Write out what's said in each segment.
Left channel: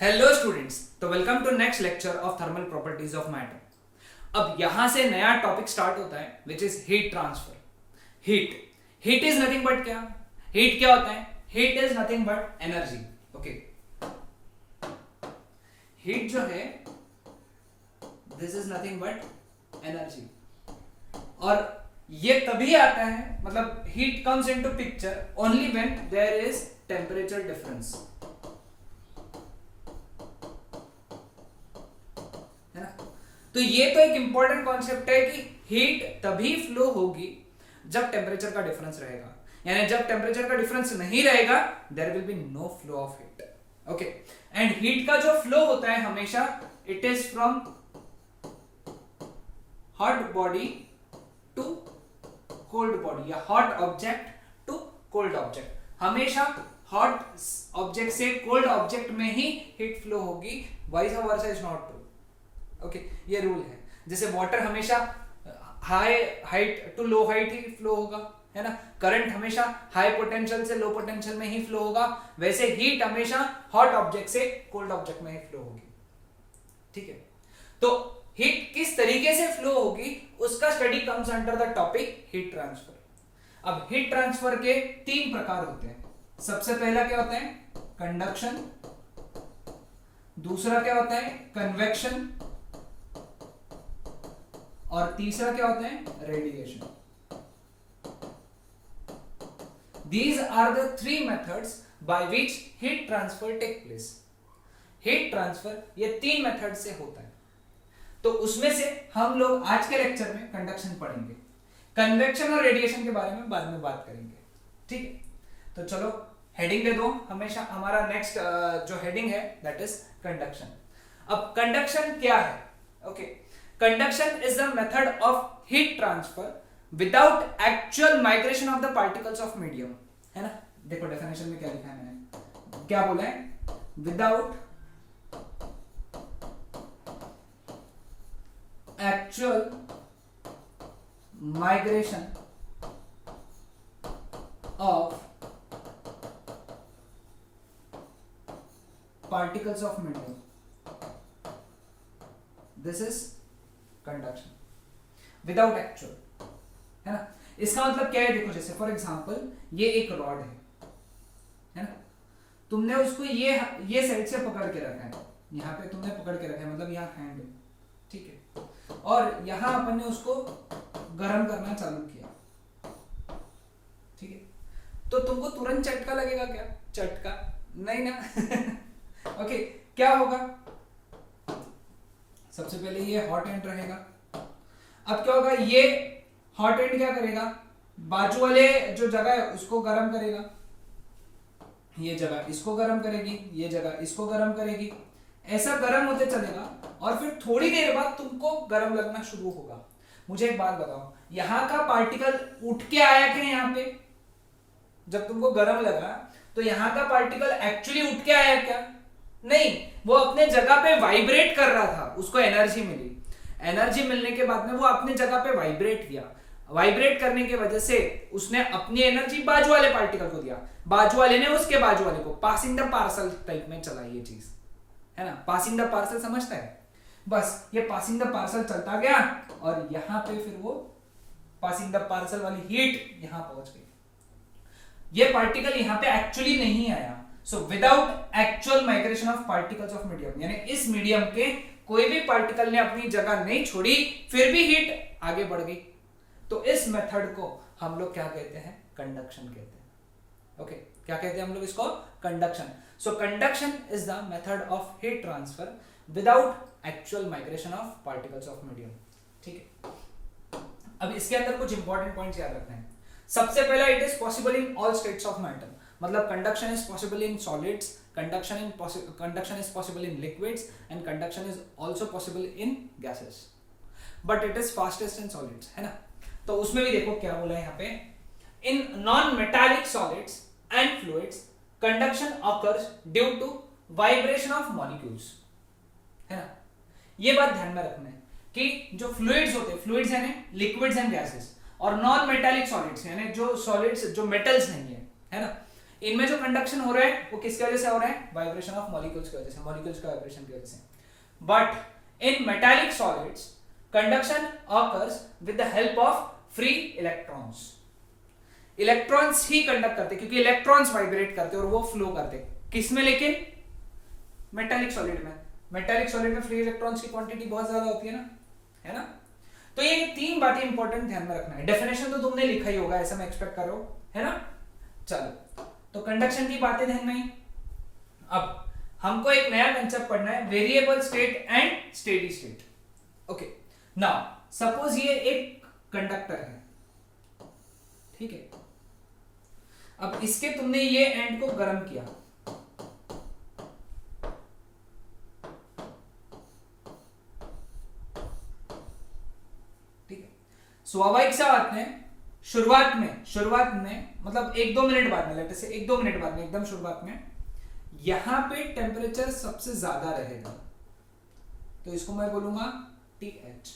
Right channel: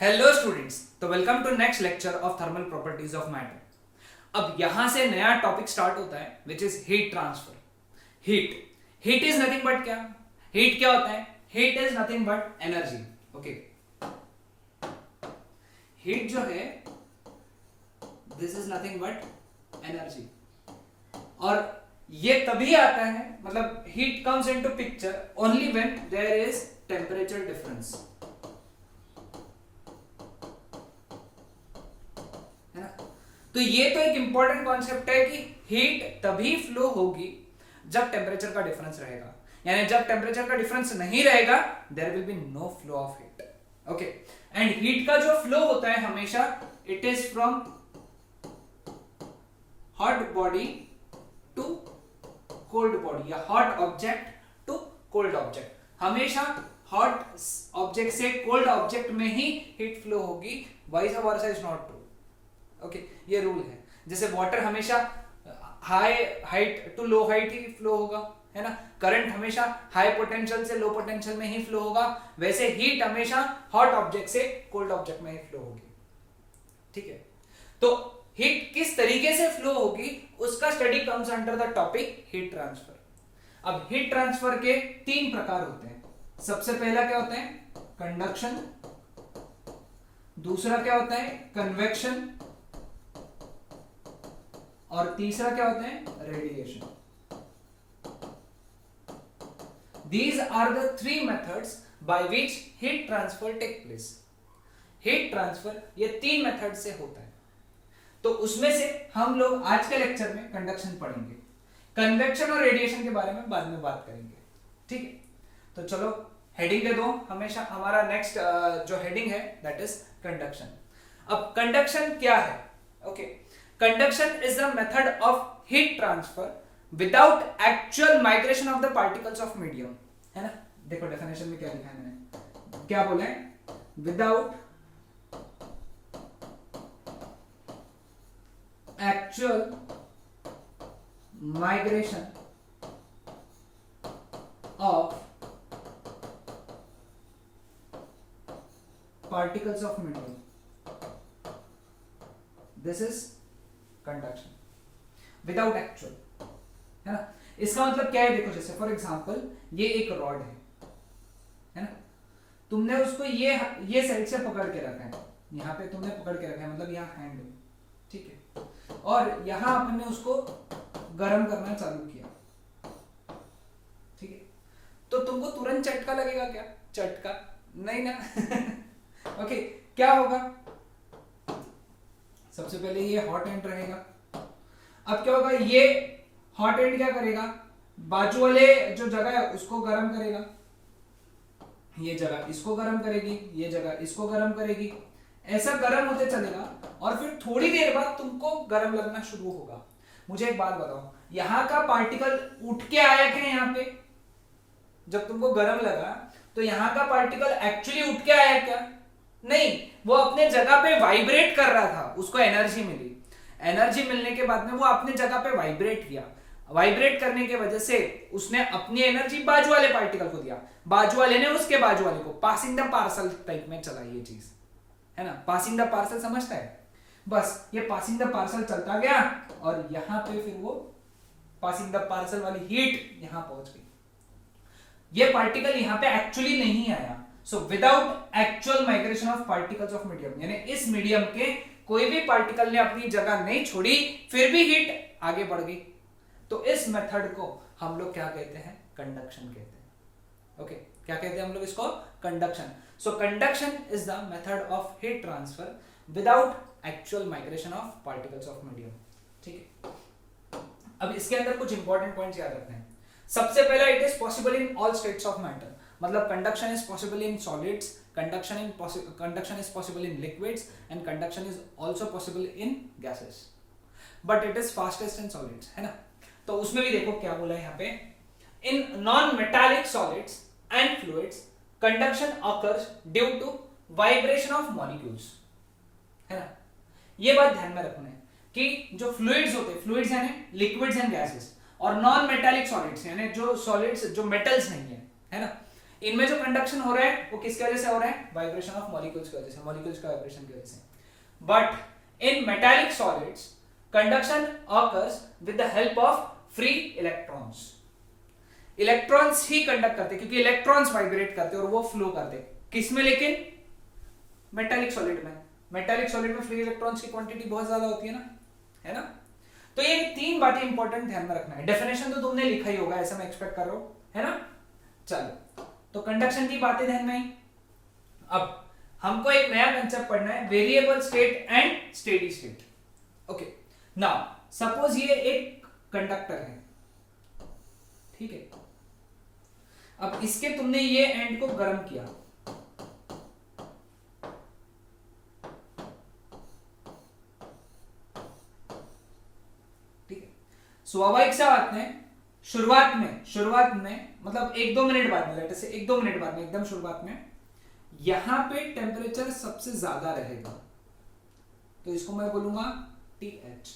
Hello students, तो welcome to next lecture of thermal properties of matter. अब यहां से नया टॉपिक स्टार्ट होता है which is heat transfer. Heat is nothing but क्या? हीट क्या होता है? Heat is nothing but energy. Okay, heat जो है this is nothing but energy. और ये तभी आता है, मतलब heat comes into picture only when there is temperature difference, है ना। तो ये तो एक इंपॉर्टेंट कॉन्सेप्ट है कि हीट तभी फ्लो होगी जब टेम्परेचर का डिफरेंस रहेगा, यानी जब टेम्परेचर का डिफरेंस नहीं रहेगा there will be no flow of heat. Okay, and heat का जो फ्लो होता है हमेशा it is from hot body to cold body या hot object to cold object. हमेशा हॉट ऑब्जेक्ट से कोल्ड ऑब्जेक्ट में ही हीट फ्लो होगी, vice versa is not true. Okay, ये रूल है। जैसे वाटर हमेशा high height to low height ही फ्लो होगा, है ना। करंट हमेशा हाई पोटेंशियल से लो पोटेंशियल में ही फ्लो होगा, वैसे हीट हमेशा हॉट ऑब्जेक्ट से कोल्ड ऑब्जेक्ट में ही फ्लो होगी। ठीक है, तो हीट किस तरीके से फ्लो होगी उसका study comes under the topic heat transfer. अब हीट ट्रांसफर के तीन प्रकार होते हैं। सबसे पहला क्या होता है? कंडक्शन। दूसरा क्या होता है? कन्वेक्शन। और तीसरा क्या होता है? Radiation. These are the three methods by which heat transfer take place. Heat transfer ये तीन मेथड से होता है। तो उसमें से हम लोग आज के लेक्चर में कंडक्शन पढ़ेंगे, कन्वेक्शन और रेडिएशन के बारे में बाद में बात करेंगे। ठीक है, तो चलो हेडिंग दे दो। हमेशा हमारा नेक्स्ट जो हेडिंग है दैट इज कंडक्शन। अब कंडक्शन क्या है? Okay, conduction is the method of heat transfer without actual migration of the particles of medium, है ना। देखो डेफिनेशन में क्या लिखा है, क्या बोला है? Without actual migration of particles of medium, this is conduction without actual, है ना। इसका मतलब क्या है? देखो, जैसे फॉर एग्जांपल ये एक रॉड है ना। तुमने उसको ये साइड से पकड़ के रखा है, यहाँ पे तुमने पकड़ के रखा है, मतलब यहाँ हैंड है, ठीक है। और यहाँ अपन ने उसको गर्म करना चालू किया, ठीक है। तो तुमको तुरंत झटका लगेगा क्या? झटका नहीं ना। ओके, क्या होगा? सबसे पहले ये हॉट एंड रहेगा। अब क्या होगा? ये हॉट एंड क्या करेगा? बाजू वाले जो जगह है उसको गर्म करेगा, ये जगह इसको गर्म करेगी, ये जगह इसको गर्म करेगी। ऐसा गर्म होते चलेगा और फिर थोड़ी देर बाद तुमको गर्म लगना शुरू होगा। मुझे एक बात बताओ, यहाँ का पार्टिकल उठ के आया क्या? यहाँ पे जब तुमको गर्म लगा तो यहाँ का पार्टिकल एक्चुअली उठ के आया क्या? नहीं, वो अपने जगह पे वाइब्रेट कर रहा था, उसको एनर्जी मिली। एनर्जी मिलने के बाद में वो अपने जगह पे वाइब्रेट किया। वाइब्रेट करने की वजह से उसने अपनी एनर्जी बाजू वाले पार्टिकल को दिया, बाजू वाले ने उसके बाजू वाले को। पासिंग द पार्सल टाइप में चला ये चीज, है ना। पासिंग द पार्सल समझता है? बस ये पासिंग द पार्सल चलता गया और यहां पे फिर वो पासिंग द पार्सल वाली हीट यहां पहुंच गई। ये पार्टिकल यहां पे एक्चुअली नहीं आया। So without actual migration of particles of medium, यानी इस मीडियम के कोई भी पार्टिकल ने अपनी जगह नहीं छोड़ी, फिर भी हीट आगे बढ़ गई। तो इस मेथड को हम लोग क्या कहते हैं? कंडक्शन कहते हैं। ओके, क्या कहते हैं हम लोग इसको? Conduction. So conduction is the method of heat transfer without actual migration of particles of medium. ठीक है, अब इसके अंदर कुछ इंपॉर्टेंट पॉइंट्स याद रखना है। सबसे पहला, it is possible in all states of matter, मतलब conduction is possible in solids, conduction is possible in liquids and conduction is also possible in gases, but it is fastest in solids, है ना। तो उसमें भी देखो क्या बोला है यहाँ पे, in non metallic solids and fluids conduction occurs due to vibration of molecules, है ना। ये बात ध्यान में रखना है कि जो फ्लूइड्स होते हैं, फ्लूइड्स यानी लिक्विड्स एंड गैसेस, और नॉन मेटालिक सॉलिड्स यानी जो सॉलिड्स जो मेटल्स नहीं है ना, इनमें जो कंडक्शन हो रहा है वो किसकी वजह से हो रहा है? वाइब्रेशन ऑफ मॉलिक्यूल्स की वजह से, मॉलिक्यूल्स का वाइब्रेशन की वजह से. But in metallic solids conduction occurs with the help of free electrons. Electrons he conduct करते क्योंकि इलेक्ट्रॉन्स वाइब्रेट करते और वो फ्लो करते. किसमें? लेकिन मेटालिक सॉलिड में. मेटालिक सॉलिड में फ्री इलेक्ट्रॉन्स की क्वांटिटी बहुत ज्यादा होती है ना, है ना. तो ये तीन बातें इंपॉर्टेंट ध्यान में रखना है. डेफिनेशन तो तुमने लिखा ही होगा, ऐसा मैं एक्सपेक्ट कर रहा हूं, है ना. चलो, तो कंडक्शन की बातें ध्यान में. अब हमको एक नया कंसेप्ट पढ़ना है, variable state and steady state. Okay, now suppose ये एक कंडक्टर है, ठीक है. अब इसके तुमने ये एंड को गर्म किया, ठीक है. स्वाभाविक सा बात है, शुरुआत में मतलब 1-2 मिनट बाद में, लेट अस से 1-2 मिनट बाद में, एकदम शुरुआत में यहां पे टेम्परेचर सबसे ज्यादा रहेगा, तो इसको मैं बोलूंगा TH.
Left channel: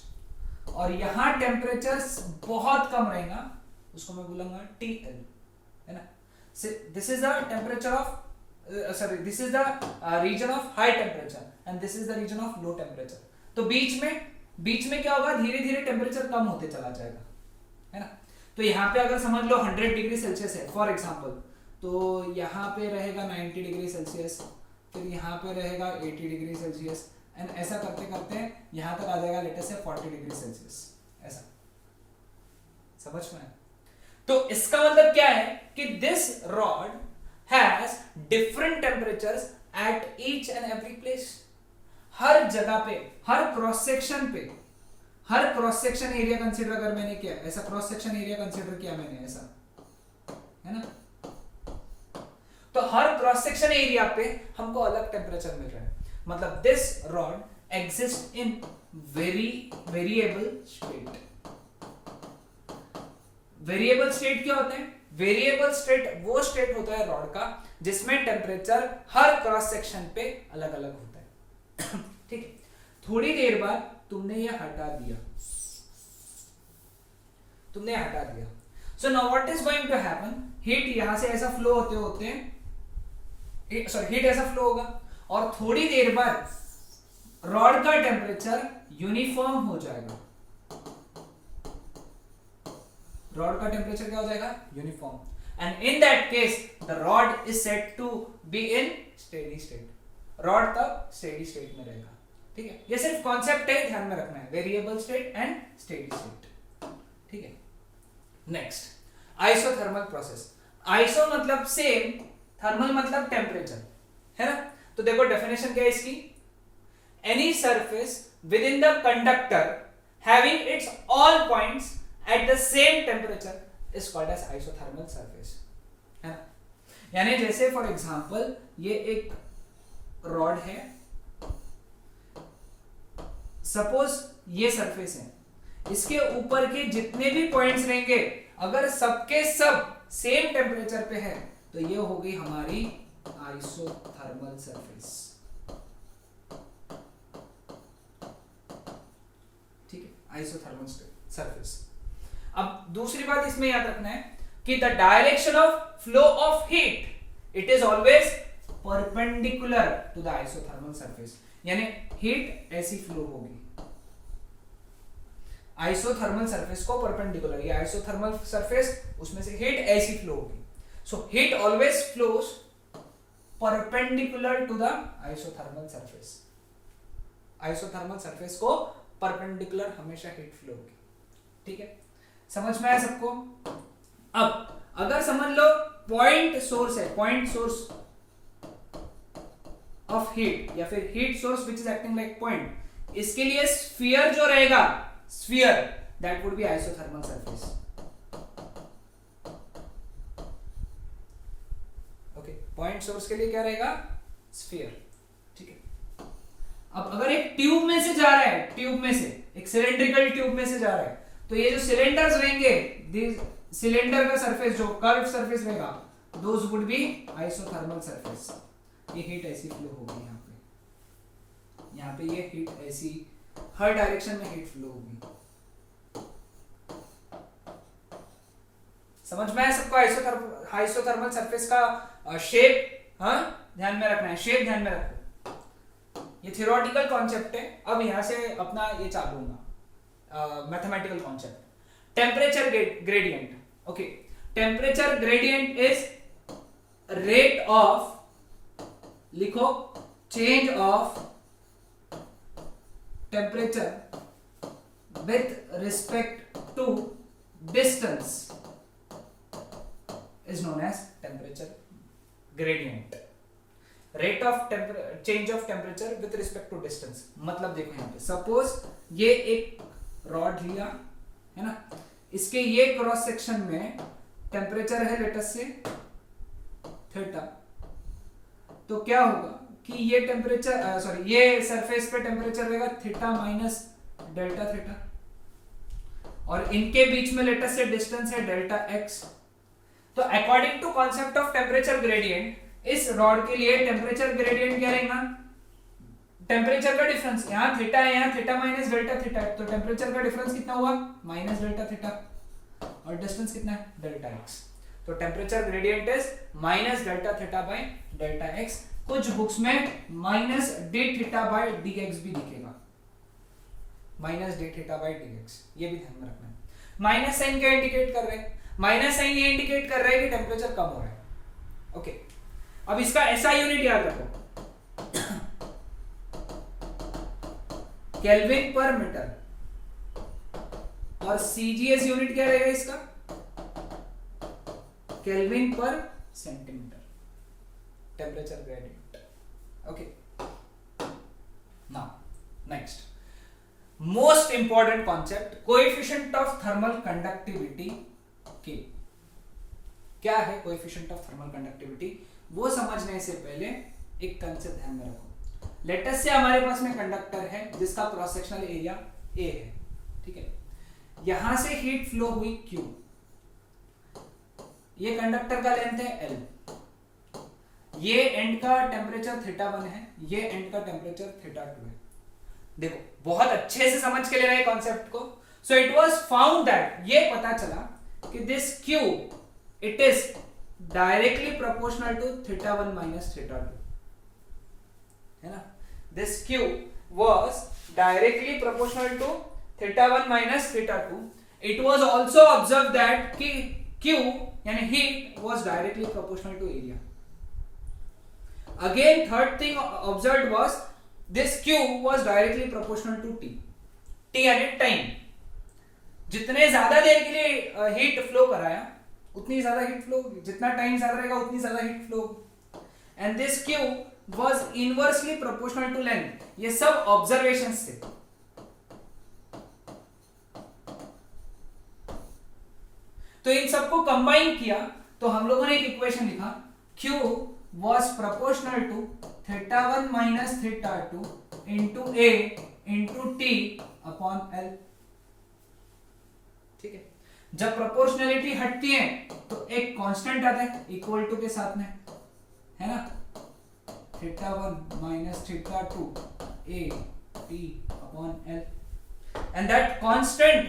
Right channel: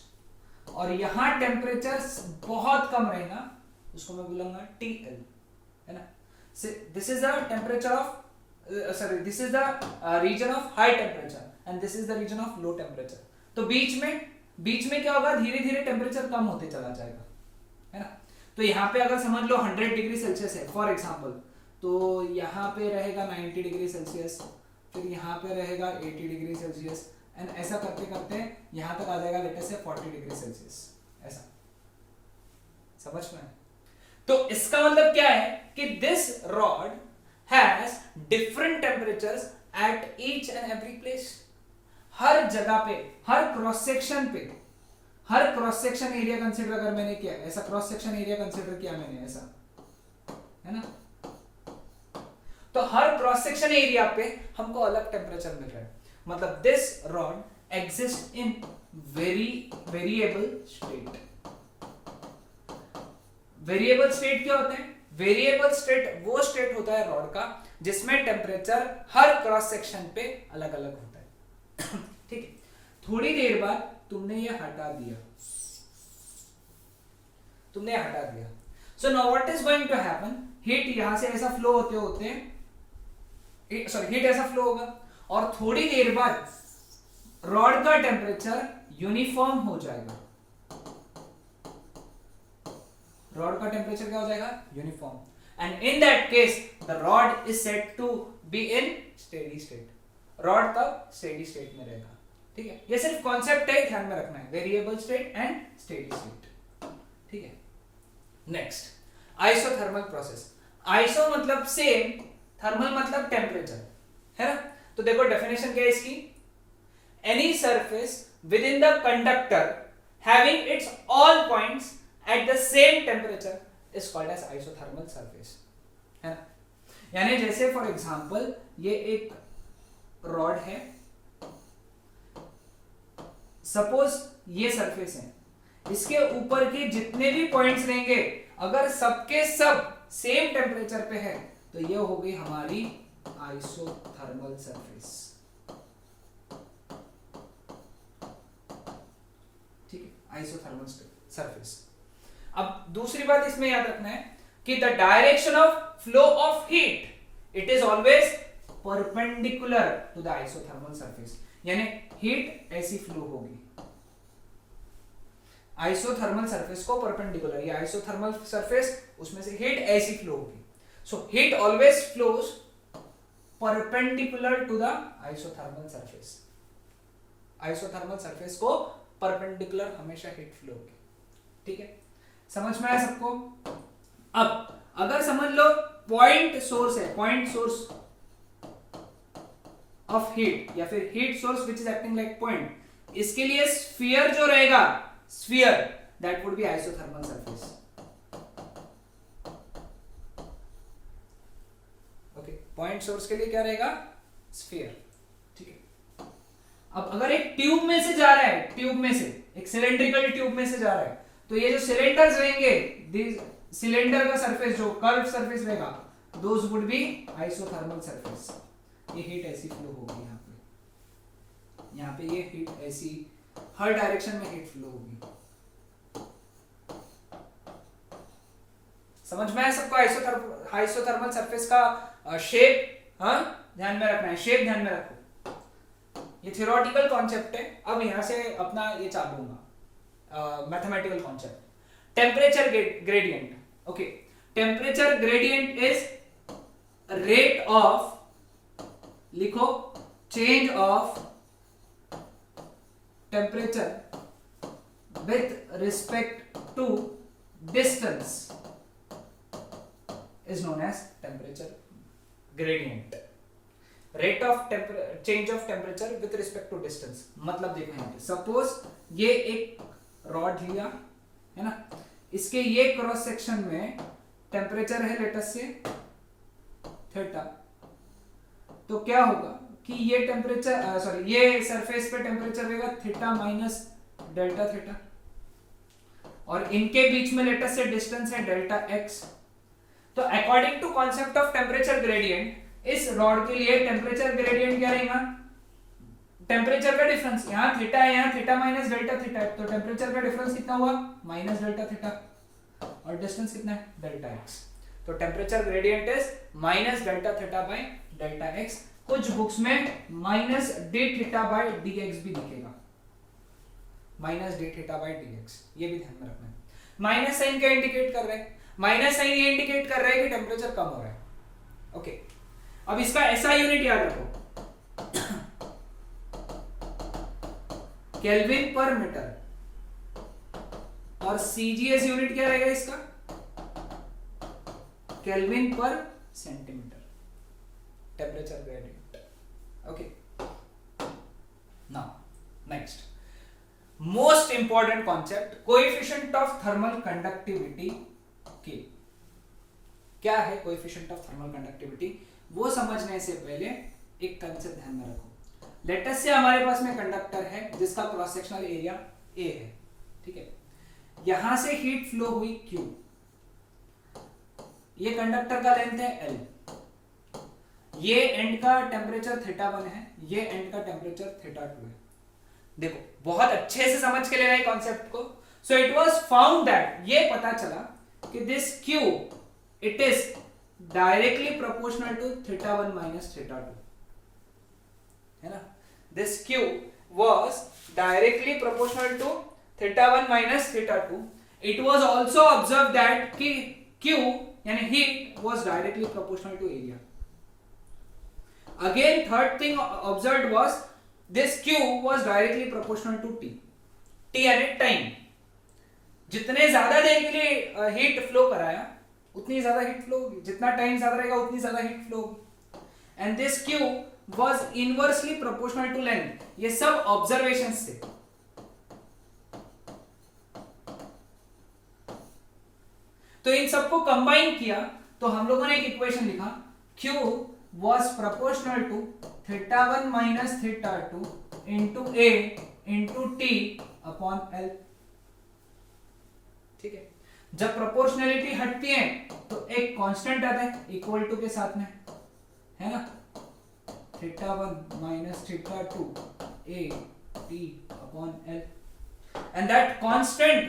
और यहां टेम्परेचर बहुत कम रहेगा, उसको मैं बोलूंगा TL, है ना. This is the temperature of this is the region of high temperature and this is the region of low temperature. तो बीच में क्या होगा? धीरे धीरे टेम्परेचर कम होते चला जाएगा, है ना. तो यहाँ पे अगर समझ लो 100 डिग्री सेल्सियस है फॉर एग्जांपल, तो यहाँ पे रहेगा 90 डिग्री सेल्सियस, फिर यहाँ पे रहेगा 80 डिग्री सेल्सियस, एंड ऐसा करते करते यहाँ तक आ जाएगा लेट अस से 40 डिग्री सेल्सियस. ऐसा समझ में? तो इसका मतलब क्या है कि this rod has different temperatures at each and every place. हर जगह पे, हर क्रॉस सेक्शन एरिया कंसीडर अगर मैंने किया, ऐसा क्रॉस सेक्शन एरिया कंसीडर किया मैंने, ऐसा, है ना. तो हर क्रॉस सेक्शन एरिया पे हमको अलग टेम्परेचर मिल रहा है. मतलब this rod exist in variable state. Variable state क्या होते हैं? वेरिएबल स्टेट वो स्टेट होता है रॉड का जिसमें टेम्परेचर हर क्रॉस सेक्शन पे अलग अलग होता है. ठीक है. थोड़ी देर बाद तुमने ये हटा दिया, so now what is going to happen? Heat यहां से ऐसा फ्लो होते हीट ऐसा फ्लो होगा, और थोड़ी देर बाद रॉड का टेम्परेचर यूनिफॉर्म हो जाएगा. रॉड का टेम्परेचर क्या हो जाएगा? Uniform. And in that case the rod is said to be in steady state. Rod तब स्टेडी स्टेट में रहेगा. ठीक है. ये सिर्फ कॉन्सेप्ट है, ध्यान में रखना है, variable state and steady state. ठीक है. Next, isothermal process. आइसो मतलब सेम, थर्मल मतलब टेम्परेचर, है ना. तो देखो डेफिनेशन क्या है इसकी? Any surface within the conductor having its all points at the same temperature is called as isothermal surface, है ना. यानी जैसे फॉर एग्जांपल ये एक रॉड है, सपोज ये सरफेस है, इसके ऊपर के जितने भी पॉइंट्स रहेंगे अगर सबके सब सेम टेम्परेचर पे है तो ये हो गई हमारी आइसोथर्मल सरफेस. ठीक है, आइसोथर्मल सरफेस. अब दूसरी बात इसमें याद रखना है कि the direction of flow of heat it is always perpendicular to the isothermal surface. यानी हीट ऐसी फ्लो होगी आइसोथर्मल सरफेस को परपेंडिकुलर, ये आइसोथर्मल सरफेस, उसमें से हीट ऐसी फ्लो होगी. So heat always flows perpendicular to the isothermal surface. Isothermal surface को परपेंडिकुलर हमेशा हीट फ्लो होगी. ठीक है, समझ में आया सबको? अब अगर समझ लो पॉइंट सोर्स है, पॉइंट सोर्स ऑफ हीट या फिर heat source which is acting like point, इसके लिए स्फीयर जो रहेगा, sphere that would be isothermal surface. Okay, point source के लिए क्या रहेगा? स्फीयर. ठीक है. अब अगर एक ट्यूब में से जा रहा है, ट्यूब में से एक सिलेंड्रिकल ट्यूब में से जा रहा है, तो ये जो सिलेंडर्स रहेंगे, सिलेंडर का सरफेस जो कर्व सरफेस रहेगा, those would be isothermal surface. ये हीट ऐसी फ्लो होगी यहाँ पे ये हीट ऐसी हर डायरेक्शन में हीट फ्लो होगी. समझ में आया सबको आइसोथर्मल सरफेस का शेप, हाँ ध्यान में रखना है, शेप ध्यान में रखो। ये थियोरेटिकल कॉन्सेप्ट है। अब यहां से अपना ये चालू होगा mathematical concept. Temperature gradient, okay, temperature gradient is rate of, लिखो, change of temperature with respect to distance is known as temperature gradient. Rate of change of temperature with respect to distance. मतलब देखो यहाँ पे suppose ये एक rod लिया है ना, इसके ये क्रॉस सेक्शन में टेम्परेचर है लेटस से थीटा, तो क्या होगा कि ये टेम्परेचर सॉरी ये सरफेस पे टेम्परेचर रहेगा थीटा माइनस डेल्टा थीटा, और इनके बीच में लेटस से डिस्टेंस है डेल्टा एक्स। तो according to concept of temperature gradient, इस रॉड के लिए टेम्परेचर ग्रेडियंट क्या रहेगा, टेम्परेचर का डिफरेंस, यहाँ थीटा है, यहाँ थीटा माइनस डेल्टा थीटा है, तो टेम्परेचर का डिफरेंस कितना हुआ, माइनस डेल्टा थीटा, और डिस्टेंस कितना है, डेल्टा एक्स। तो temperature gradient is minus delta theta by delta x. कुछ बुक्स में minus D theta by D x भी दिखेगा, minus D theta by D x, ये भी ध्यान में रखना है। माइनस साइन क्या इंडिकेट कर रहे हैं, माइनस साइन ये इंडिकेट कर रहा है कि टेम्परेचर कम हो रहा है। ओके, अब इसका एसआई यूनिट याद रखो, केल्विन पर मीटर, और सीजीएस यूनिट क्या रहेगा इसका, केल्विन पर centimetre, temperature gradient. Okay, now next most important concept, coefficient of thermal conductivity की। क्या है कोएफिशिएंट ऑफ थर्मल कंडक्टिविटी, वो समझने से पहले एक कंसेप्ट ध्यान में रखो। लेटस से हमारे पास में कंडक्टर है जिसका क्रॉस सेक्शनल एरिया ए है, ठीक है, यहां से हीट फ्लो हुई Q, ये कंडक्टर का लेंथ है L, ये एंड का टेम्परेचर θ1 है, ये एंड का टेम्परेचर θ2 है। देखो बहुत अच्छे से समझ के लेना है कॉन्सेप्ट को। So it was found that, ये पता चला कि this Q it is directly proportional to θ1 minus θ2, है ना, this Q was directly proportional to θ1 minus θ2. It was also observed that कि Q यानी heat was directly proportional to area. Again third thing observed was this Q was directly proportional to T. T यानी time, जितने ज्यादा देर के लिए heat flow कराया उतनी ज्यादा हीट फ्लो होगी, जितना टाइम ज्यादा रहेगा उतनी ज्यादा हीट फ्लो होगी। And this Q was inversely proportional to length. ये सब ऑब्जर्वेशंस थे। तो इन सबको कंबाइन किया तो हम लोगों ने एक इक्वेशन लिखा, Q was proportional to θ1 minus θ2 into A into T upon L। ठीक है, जब प्रोपोर्शनलिटी हटती है तो एक कांस्टेंट आता है इक्वल टू के साथ में, है ना, θ1 minus θ2 A T upon L, and that constant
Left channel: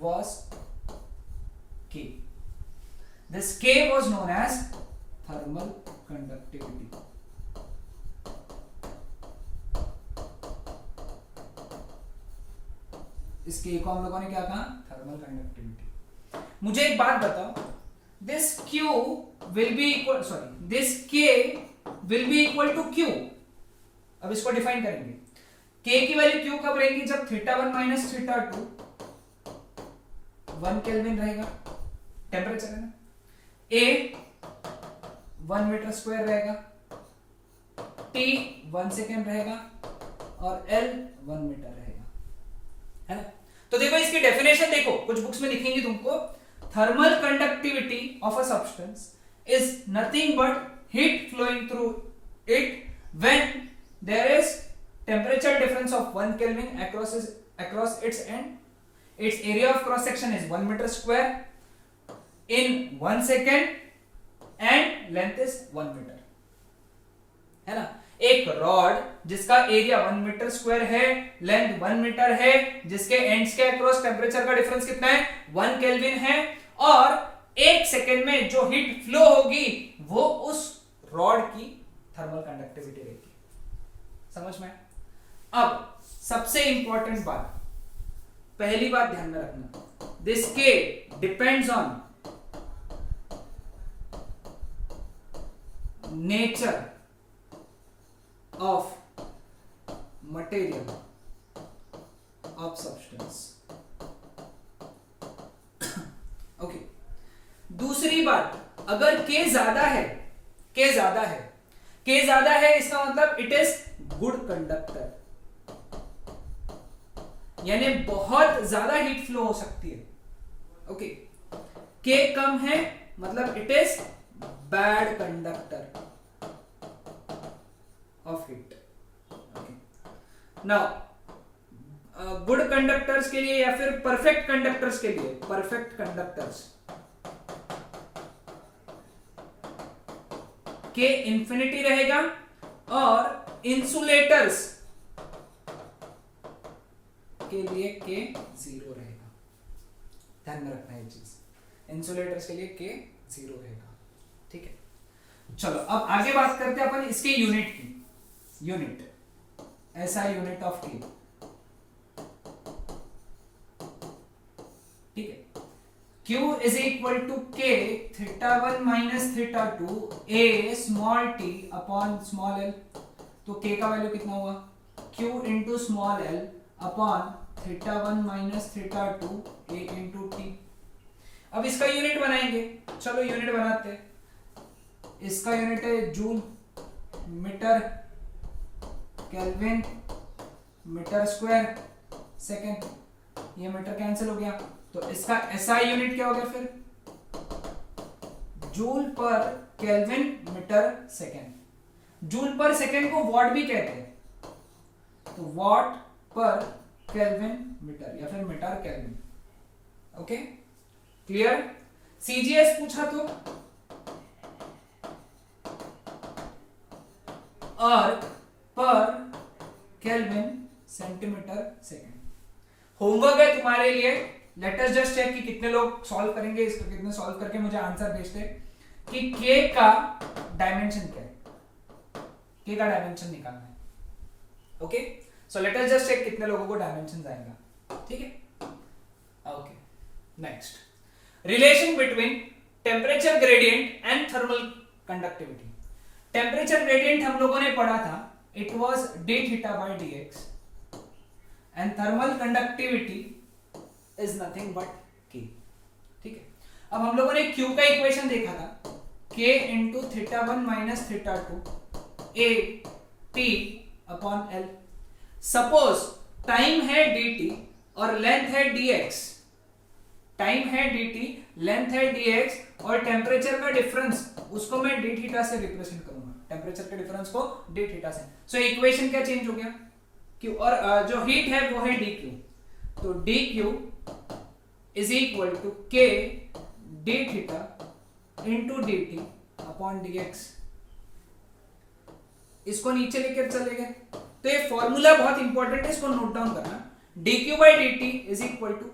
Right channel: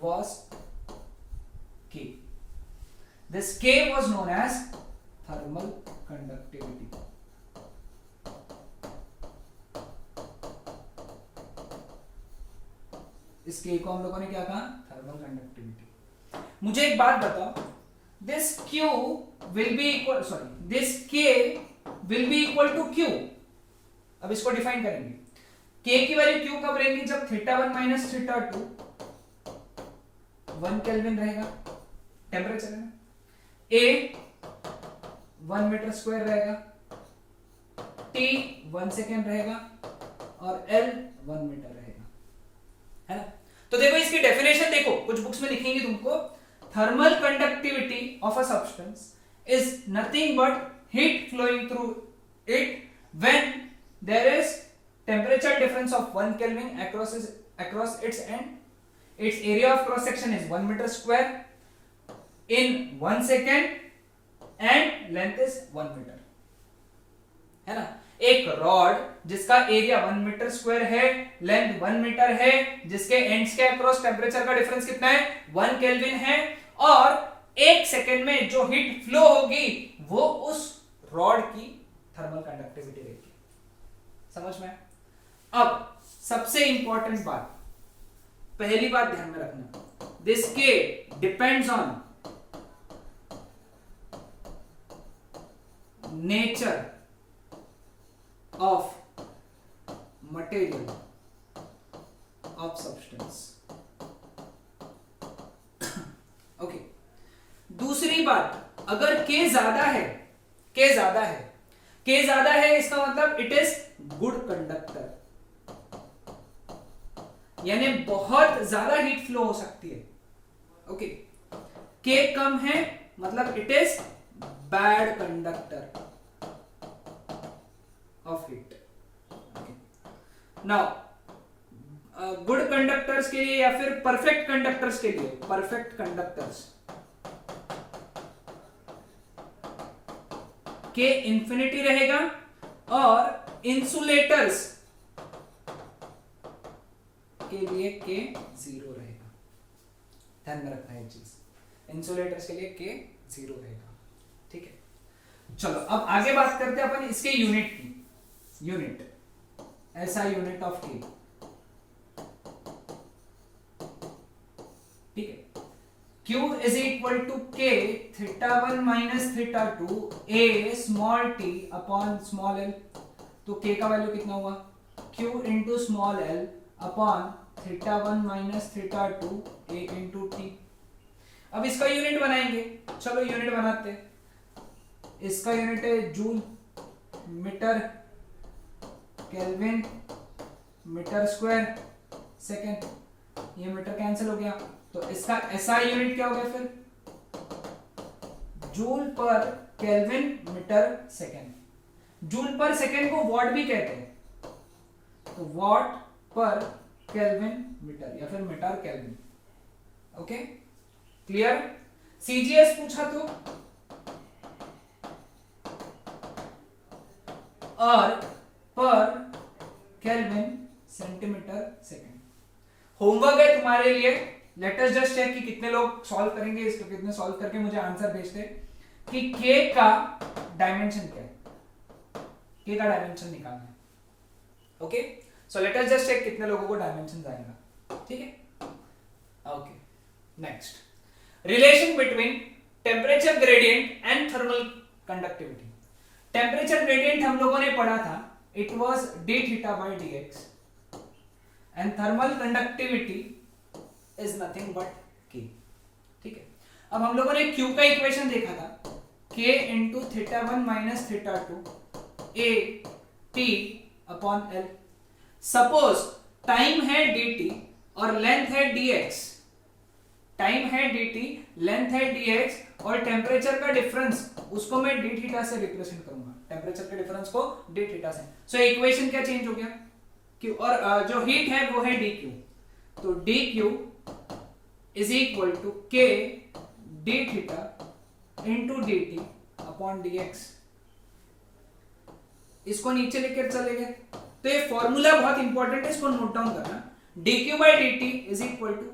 was K. This K was known as thermal conductivity. इस K को हम लोगों ने क्या कहा, थर्मल कंडक्टिविटी। मुझे एक बात बताओ, this Q will be equal, sorry, this K will be equal to Q। अब इसको डिफाइन करेंगे, K की वैल्यू Q कब रहेगी, जब θ1 माइनस θ2 1 केल्विन रहेगा, टेम्परेचर है ना, A 1 मीटर स्क्वायर रहेगा, T 1 सेकेंड रहेगा, और L 1 मीटर रहेगा, है ना। तो देखो इसकी डेफिनेशन देखो, कुछ बुक्स में लिखेंगे तुमको, thermal conductivity of a substance is nothing but heat flowing through it when there is temperature difference of 1 kelvin across its end. Its area of cross section is 1 meter square in 1 second and length is 1 meter, है ना। एक rod जिसका area 1 metre square है, length 1 metre है, जिसके ends के across temperature का difference कितना है, 1 केल्विन है, और 1 सेकेंड में जो हीट फ्लो होगी वो उस रॉड की थर्मल कंडक्टिविटी रहेगी। समझ में? अब सबसे इंपॉर्टेंट बात, पहली बात ध्यान में रखना, दिस के depends on nature of material of substance. Okay, दूसरी बात, अगर के ज्यादा है, के ज्यादा है, के ज्यादा है, इसका मतलब इट इज गुड कंडक्टर, यानी बहुत ज्यादा हीट फ्लो हो सकती है। ओके, के कम है मतलब it is bad conductor of heat. Now good conductors के लिए या फिर परफेक्ट कंडक्टर्स के लिए, परफेक्ट कंडक्टर्स के इंफिनिटी रहेगा और इंसुलेटर्स के लिए के जीरो रहेगा। ध्यान में रखना है चीज, इंसुलेटर्स के लिए के जीरो रहेगा। ठीक है, चलो अब आगे बात करते हैं अपन इसके यूनिट की। यूनिट ऐसा यूनिट ऑफ के, ठीक है, Q is equal to K theta 1 minus theta 2 A small t upon small l। तो K का वैल्यू कितना हुआ? Q into small l upon theta 1 minus theta 2 A into t। अब इसका यूनिट बनाएंगे, चलो यूनिट बनाते हैं। इसका यूनिट है joule, metre, kelvin, metre square, second. ये मीटर कैंसिल हो गया, तो इसका एसआई यूनिट क्या हो गया फिर? जूल पर केल्विन मीटर सेकेंड। जूल पर सेकेंड को वॉट भी कहते हैं, तो वॉट पर केल्विन मीटर या फिर metre kelvin. Okay, clear? CGS पूछा तो अर्क पर केल्विन सेंटीमीटर सेकेंड। होमवर्क है तुम्हारे लिए, लेट अस जस्ट चेक कि कितने लोग सॉल्व करेंगे इसको, कितने सॉल्व करके मुझे आंसर भेजते कि के का डायमेंशन क्या है, के का डायमेंशन निकालना है। Okay, so let us just check कितने लोगों को डायमेंशन आएगा। ठीक है, okay, next, relation between temperature gradient and thermal conductivity. Temperature gradient हम लोगों ने पढ़ा था, it was d theta by dx and thermal conductivity is nothing but k। ठीक है, अब हम लोगों ने q का इक्वेशन देखा था, k into theta 1 minus theta 2 a t upon l। Suppose time है dt और लेंथ है dx, टाइम है dt, लेंथ है dx और टेम्परेचर का डिफरेंस उसको मैं d थीटा से रिप्रेजेंट करूंगा, टेम्परेचर के डिफरेंस को d थीटा से। सो इक्वेशन क्या चेंज हो गया? q और जो हीट है वो है dq, तो dq is equal to k d theta into dt upon dx। इसको नीचे लेकर चले गए, तो ये फॉर्मूला बहुत इंपॉर्टेंट है, इसको नोट डाउन करना। dq by dt is equal to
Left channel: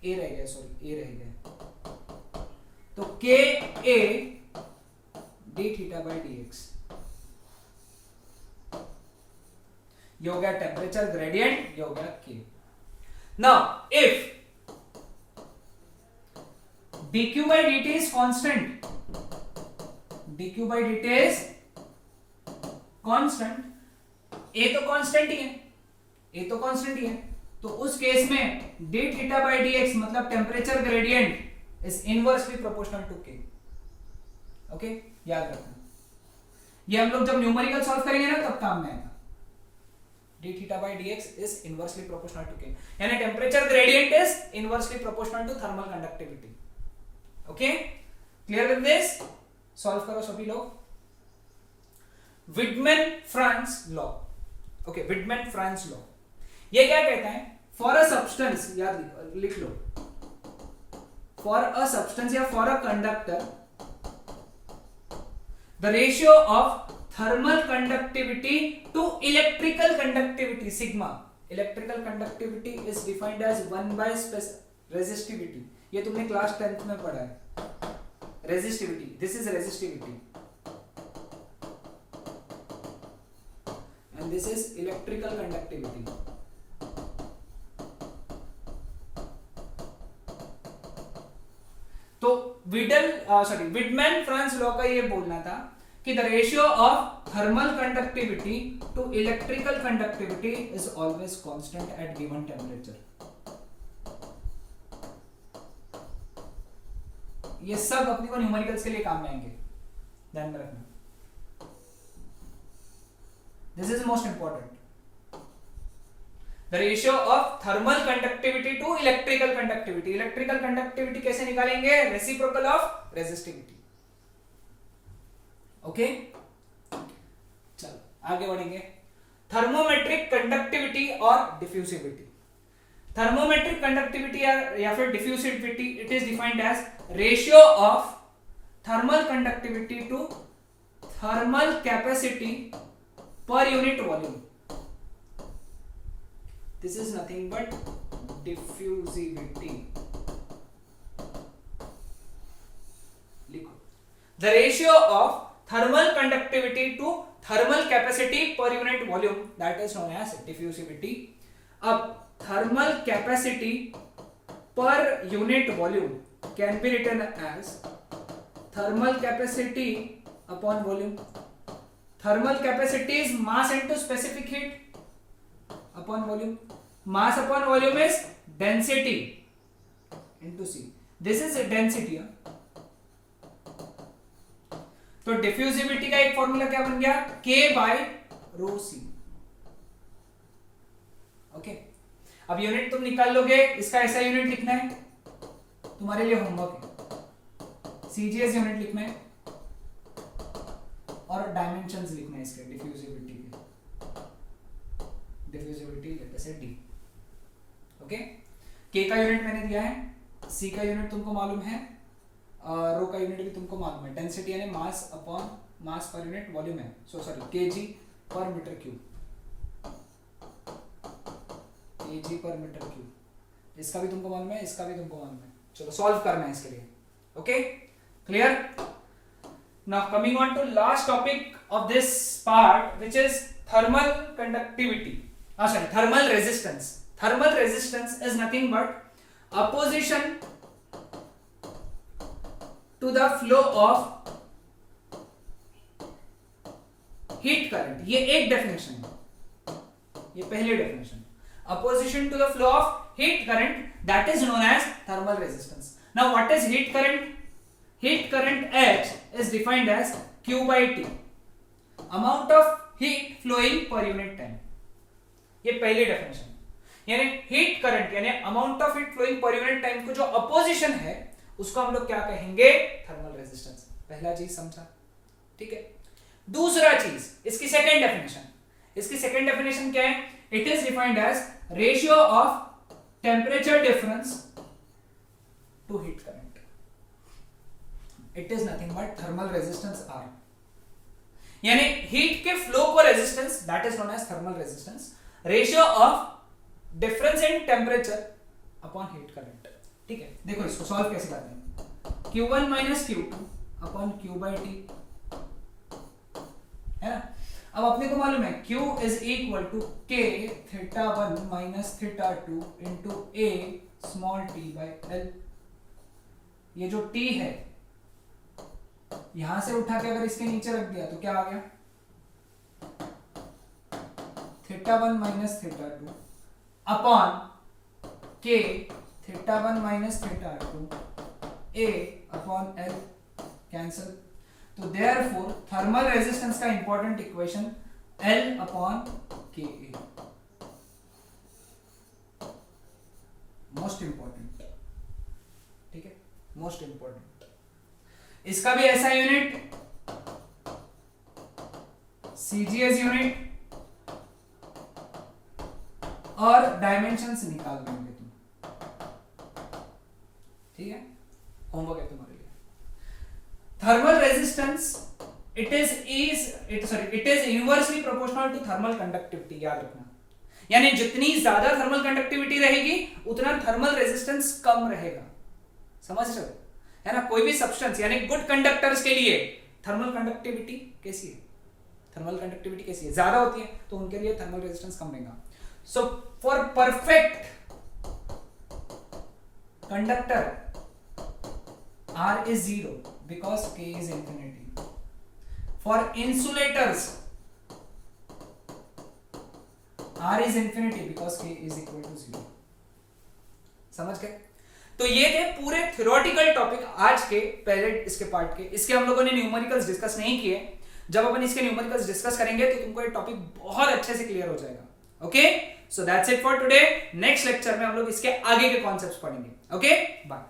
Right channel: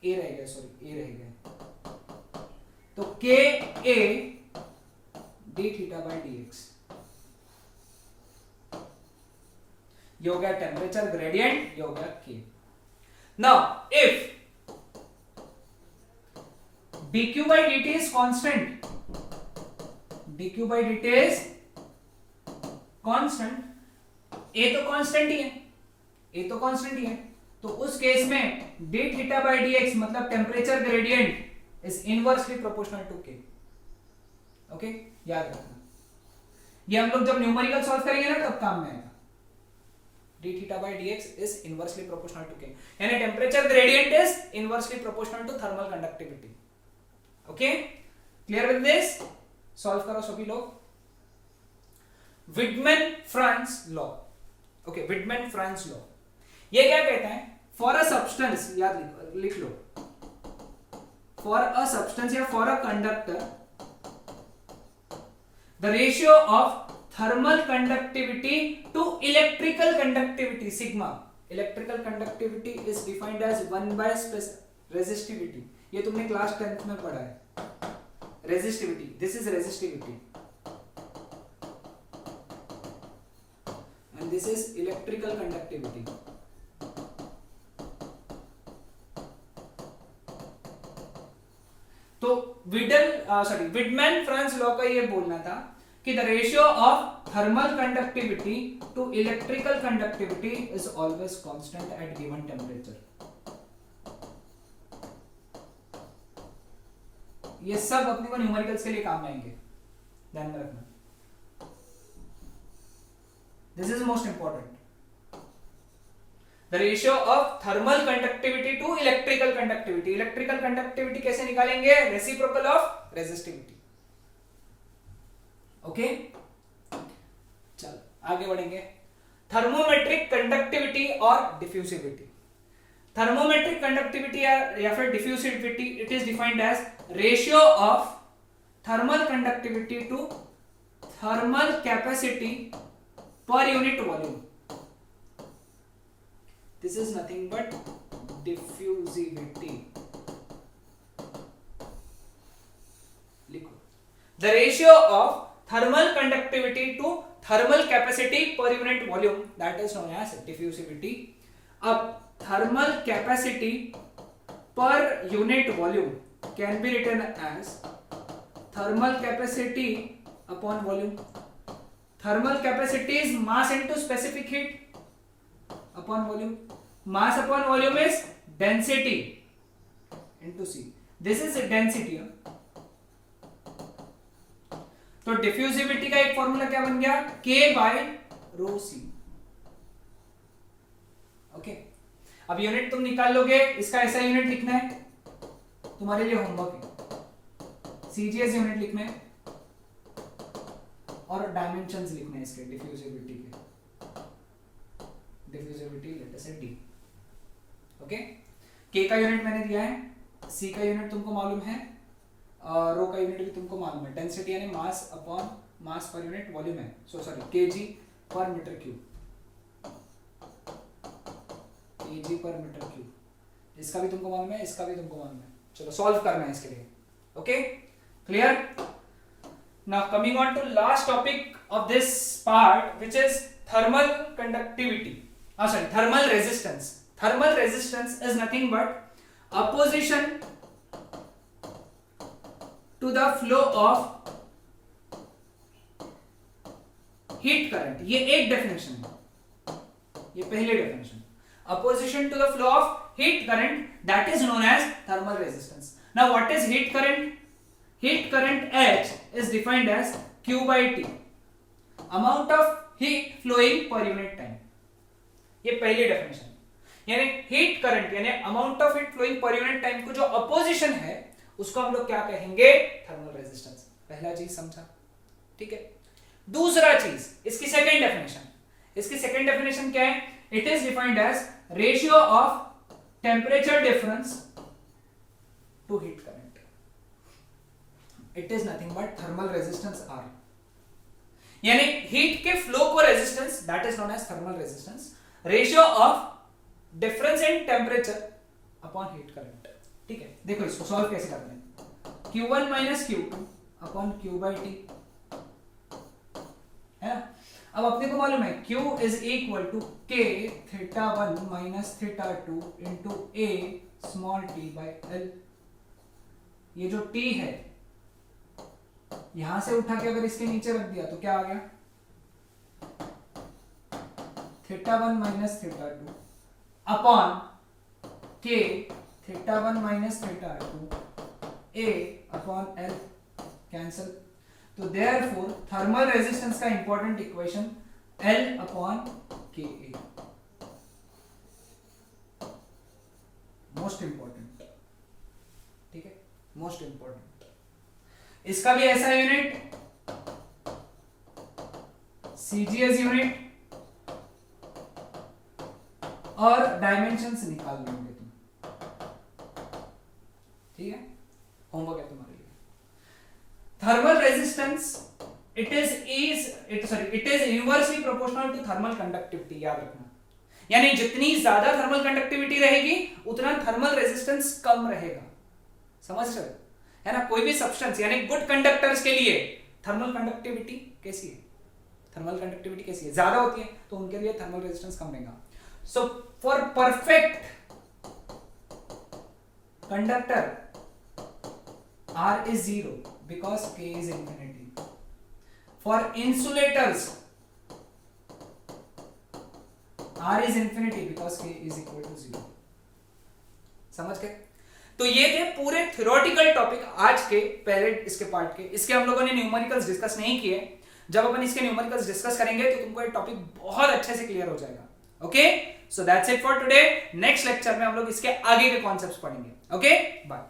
a रह गया, सॉरी a रह गया, तो k a d theta by dx। ये हो गया टेम्परेचर ग्रेडियंट, ये हो गया k। Now if dq by dt is constant, dq by dt is constant, a तो कांस्टेंट ही है, a तो कांस्टेंट ही है, तो उस केस में d थीटा by dx मतलब temperature gradient is inversely proportional to k। ओके, याद रखना, ये हम लोग जब न्यूमेरिकल सॉल्व करेंगे ना तब काम में आएगा। d theta by dx is inversely proportional to k, यानी temperature gradient is inversely proportional to thermal conductivity. Okay, clear with this? Solve करो सभी लोग। Wiedemann Franz law. Okay, Wiedemann Franz law ये क्या कहता है? फॉर अ सब्सटेंस, याद लिख लो, फॉर अ सब्सटेंस या for a conductor the ratio of thermal conductivity to electrical conductivity sigma. Electrical conductivity is defined as 1 by resistivity. ये तुमने क्लास 10th में पढ़ा है, resistivity, this is resistivity. and this is electrical conductivity. तो Wiedemann Franz law का ये बोलना था कि the ratio of thermal conductivity to electrical conductivity is always constant at given temperature. ये सब अपने को न्यूमेरिकल्स के लिए काम आएंगे, ध्यान में रखना। This is most important. The ratio of thermal conductivity to electrical conductivity. Electrical conductivity कैसे निकालेंगे? Reciprocal of resistivity. ओके, चलो आगे बढ़ेंगे। थर्मोमेट्रिक कंडक्टिविटी और डिफ्यूसिविटी। थर्मोमेट्रिक कंडक्टिविटी या फिर diffusivity, it is defined as ratio of thermal conductivity to thermal capacity per unit volume. This is nothing but diffusivity. लिखो, the ratio of thermal conductivity to thermal capacity per unit volume, that is known as diffusivity. अब thermal capacity per unit volume can be written as thermal capacity upon volume. Thermal capacity is mass into specific heat upon volume. Mass upon volume is density into C. This is density. तो diffusivity का एक formula क्या बन गया? K by rho C. Okay, अब unit तुम निकाल लोगे, इसका ऐसा यूनिट लिखना है, तुम्हारे लिए होमवर्क है। CGS यूनिट लिखना है और डायमेंशंस लिखना है इसके डिफ्यूजिविटी के। डिफ्यूजिविटी लेते से D। ओके, K का यूनिट मैंने दिया है, C का यूनिट तुमको मालूम है, रो का यूनिट भी तुमको मालूम है। डेंसिटी यानी मास अपॉन मास पर यूनिट वॉल्यूम है, kg पर मीटर क्यूब, kg पर मीटर क्यूब। इसका भी तुमको मालूम है, इसका भी तुमको मालूम है। चलो सॉल्व करना है इसके लिए। Okay, clear? Now coming on to last topic of this part, which is thermal conductivity. Thermal resistance. Thermal resistance is nothing but opposition to the flow of heat current. ये एक डेफिनेशन है, ये पहली definition. Opposition to the flow of heat current, that is known as thermal resistance. Now what is heat current? Heat current H is defined as Q by T, amount of heat flowing per unit time. ये पहली definition, यानी heat current यानी amount of heat flowing per unit time को जो opposition है उसको हम लोग क्या कहेंगे? Thermal resistance. पहला चीज समझा, ठीक है। दूसरा चीज, इसकी सेकंड डेफिनेशन। इसकी सेकंड डेफिनेशन क्या है? It is defined as ratio of temperature difference to heat current. It is nothing but thermal resistance R, यानी हीट के फ्लो को resistance, that is known as thermal resistance. Ratio of difference in temperature upon heat current, ठीक है। देखो इसको solve कैसे करते हैं? Q1 minus Q2 upon Q by T, है ना। अब अपने को मालूम है Q is equal to K theta 1 minus theta 2 into A small t by L। ये जो T है यहां से उठा के अगर इसके नीचे रख दिया तो क्या आ गया? Theta 1 minus theta 2 upon K theta 1 minus theta 2 A upon L, cancel. तो देयरफॉर थर्मल रेजिस्टेंस का important equation L upon KA, most important, ठीक है, मोस्ट इंपॉर्टेंट। इसका भी ऐसा यूनिट CGS यूनिट और डायमेंशंस निकाल लेंगे तुम, ठीक है, होमवर्क है तुम्हारे लिए। Thermal resistance it is inversely proportional to thermal conductivity, याद रखना। यानी जितनी ज्यादा थर्मल कंडक्टिविटी रहेगी उतना थर्मल रेजिस्टेंस कम रहेगा, समझ रहे हो, है ना। कोई भी सब्सटेंस यानी गुड कंडक्टर्स के लिए थर्मल कंडक्टिविटी कैसी है? थर्मल कंडक्टिविटी कैसी है, ज्यादा होती है, तो उनके लिए थर्मल रेजिस्टेंस कम रहेगा. So for perfect conductor R is 0 because K is infinity. For insulators R is infinity because K is equal to 0. समझ गए? तो ये थे पूरे थ्योरेटिकल टॉपिक आज के पहले इसके पार्ट के. इसके हम लोगों ने न्यूमेरिकल्स डिस्कस नहीं किए. जब अपन इसके न्यूमेरिकल्स डिस्कस करेंगे तो तुमको ये टॉपिक बहुत अच्छे से क्लियर हो जाएगा. Okay, so that's it for today. Next lecture में हम लोग इसके आगे के कॉन्सेप्ट्स पढ़ेंगे. Okay, bye.